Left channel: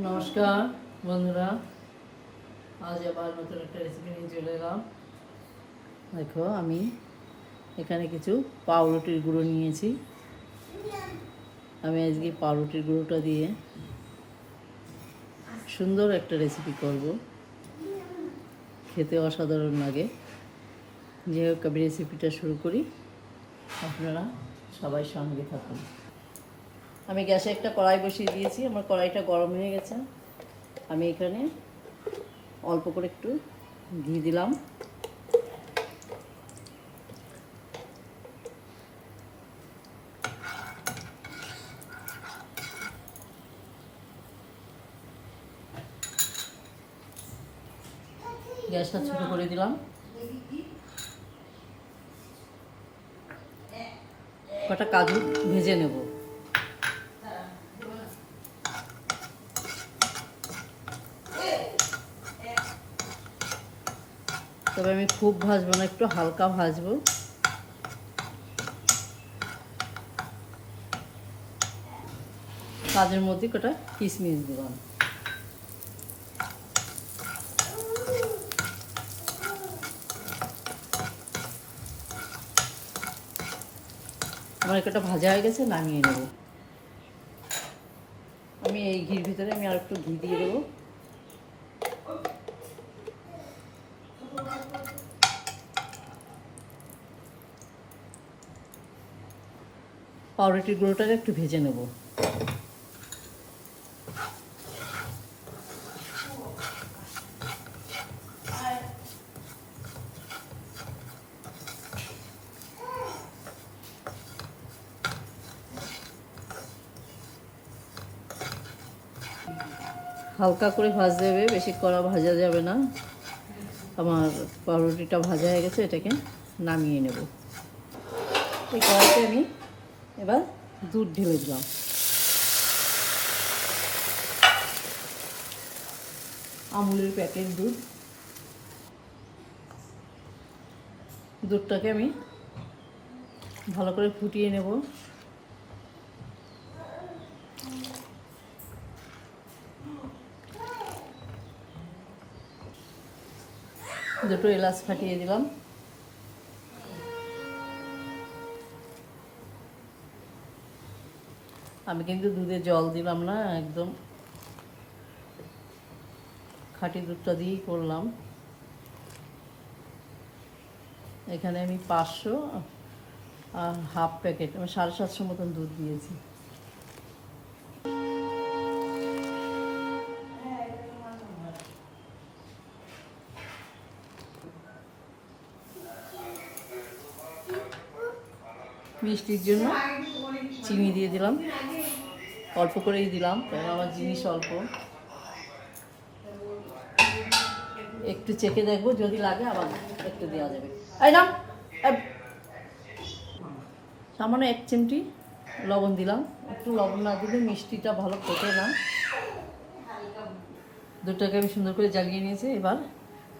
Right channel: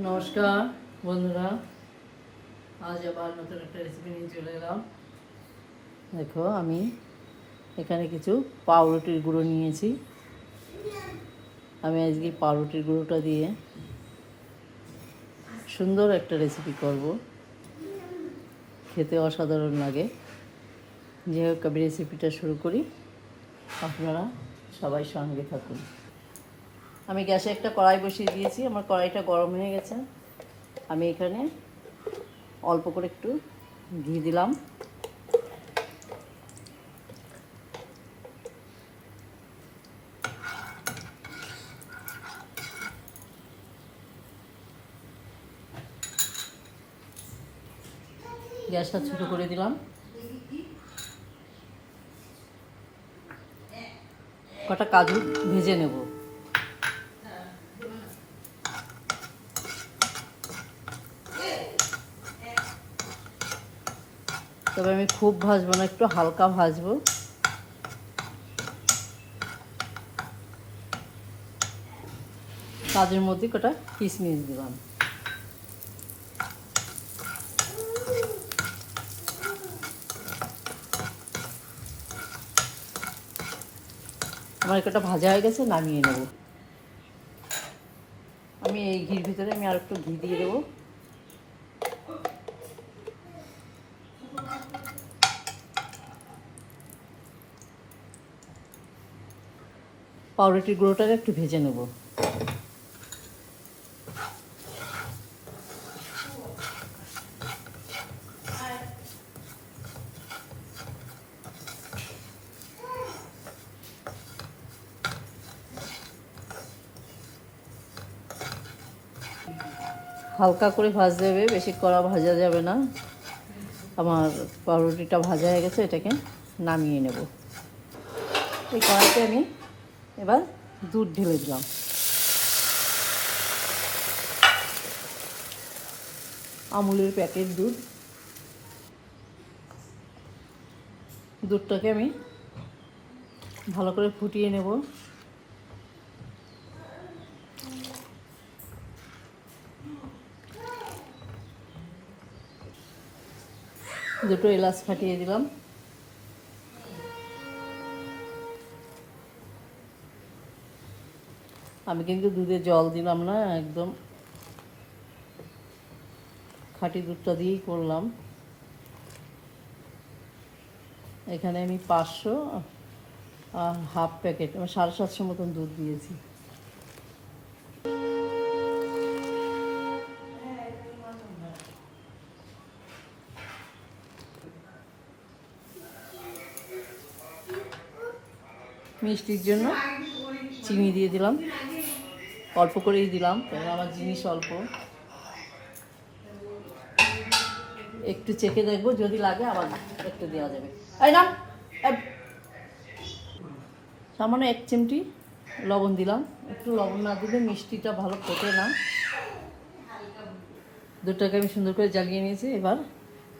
নমস্কার, বন্ধুরা। আজ আবার নতুন একটা রেসিপি নিয়ে চলে এলাম। দেখো, আমি এখানে কিছু পাউরুটির গুঁড়ো নিয়েছি। আমি আজকে পাউরুটির গুঁড়োটা দিয়ে সুন্দর একটা রেসিপি করব। খেতে অসাধারণ লাগে। যে হোক, আমি রেসিপিটা শুরু করি। আপনারা সবাই সঙ্গে থাকুন। আমি গ্যাসে একটা কড়াই বসিয়ে দিয়েছি, আমার কড়াইটা গরম হয়ে গেছে। আমি এখানে অল্প করে একটু ঘি দিলাম। গ্যাসটা ছোট করে দিলাম। কটা কাজু ভেজে নেব। তবে আমি খুব ভাজবো না, একটু হালকা ভাজবো। কাজের মধ্যে কটা কিশমিশ দিলাম। আমার একটা ভাজা হয়ে গেছে, নামিয়ে নেব। আমি এই ঘির ভিতরে আমি আর একটু ঘি দিয়ে দেবো। পাউরুটির গুঁড়োটাকে একটু ভেজে নেব। হালকা করে ভাজতে হবে বেশি কড়া ভাজা যাবে না। আমার পাউরুটিটা ভাজা হয়ে গেছে, এটাকে নামিয়ে নেব। এই কড়াইতে আমি এবার দুধ ঢেলে দিলাম। আমুলের প্যাকেট দুধ। দুধটাকে আমি ভালো করে ফুটিয়ে নেব। দুটো এলাচ ফাটিয়ে দিলাম। আমি কিন্তু দুধে জল দিলাম না, একদম। খাঁটি দুধটা দিয়েই করলাম। এখানে আমি পাঁচশো আর হাফ প্যাকেট, আমি সাড়ে সাতশো মতন দুধ দিয়েছি। মিষ্টির জন্য চিনি দিয়ে দিলাম। অল্প করেই দিলাম, কারণ আমার জিনিস অল্প। একটু চেখে দেখব, যদি লাগে আবার একটু দেওয়া যাবে। এই না সামান্য এক চিমটি লবণ দিলাম। একটু লবণ না দিলে মিষ্টিটা ভালো ফোটে না। দুটোকে আমি সুন্দর করে জ্বালিয়ে নিয়েছি। এবার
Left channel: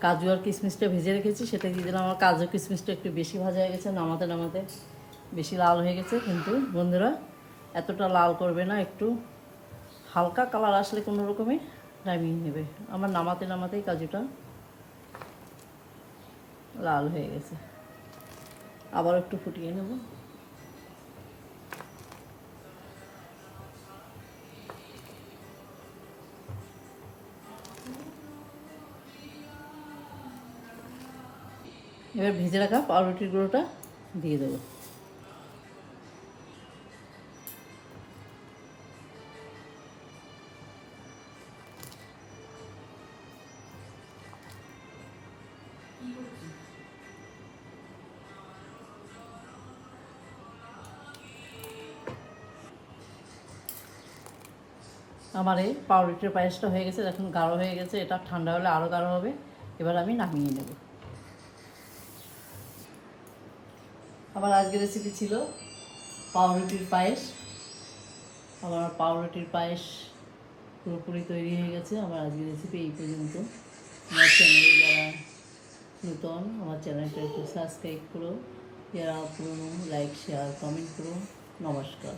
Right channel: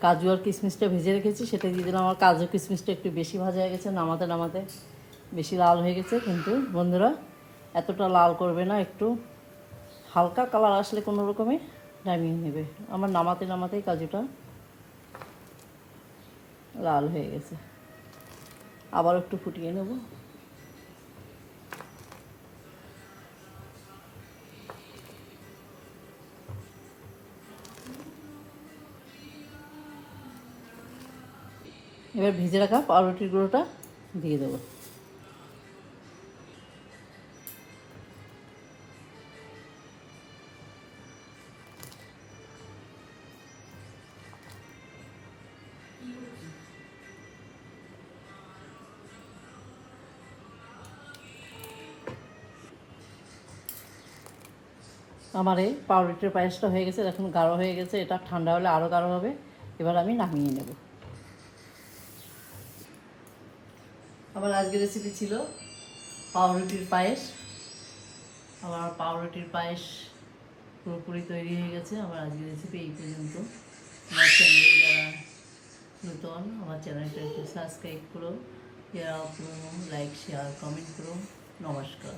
কাজু আর কিশমিশটা ভেজে রেখেছি, সেটা দিয়ে দিলাম। আমার কাজু কিশমিশটা একটু বেশি ভাজা হয়ে গেছে, নামাতে নামাতে। বেশি লাল হয়ে গেছে, কিন্তু বন্ধুরা এতটা লাল করবে না, একটু হালকা কালার আসলে কোনো রকমে নামিয়ে নেবে আমার নামাতে নামাতেই কাজুটা লাল হয়ে গেছে। আবার একটু ফুটিয়ে নেব। এবার ভেজে রাখা পাউরুটির গুঁড়োটা দিয়ে দেবো। আমার এই পাউরুটির পায়েসটা হয়ে গেছে এখন গাঢ় হয়ে গেছে, এটা ঠান্ডা হলে আরও গাঢ় হবে। এবার আমি নামিয়ে নেব। আমার আজকের রেসিপি ছিল পাউরুটির পায়েস। আমার পাউরুটির পায়েস পুরোপুরি তৈরি হয়ে গেছে। আমার আজকের রেসিপি এই পর্যন্ত। আমার চ্যানেলে যারা নতুন, আমার চ্যানেলটা একটু সাবস্ক্রাইব করো। যারা পুরনো লাইক শেয়ার কমেন্ট করো। নমস্কার।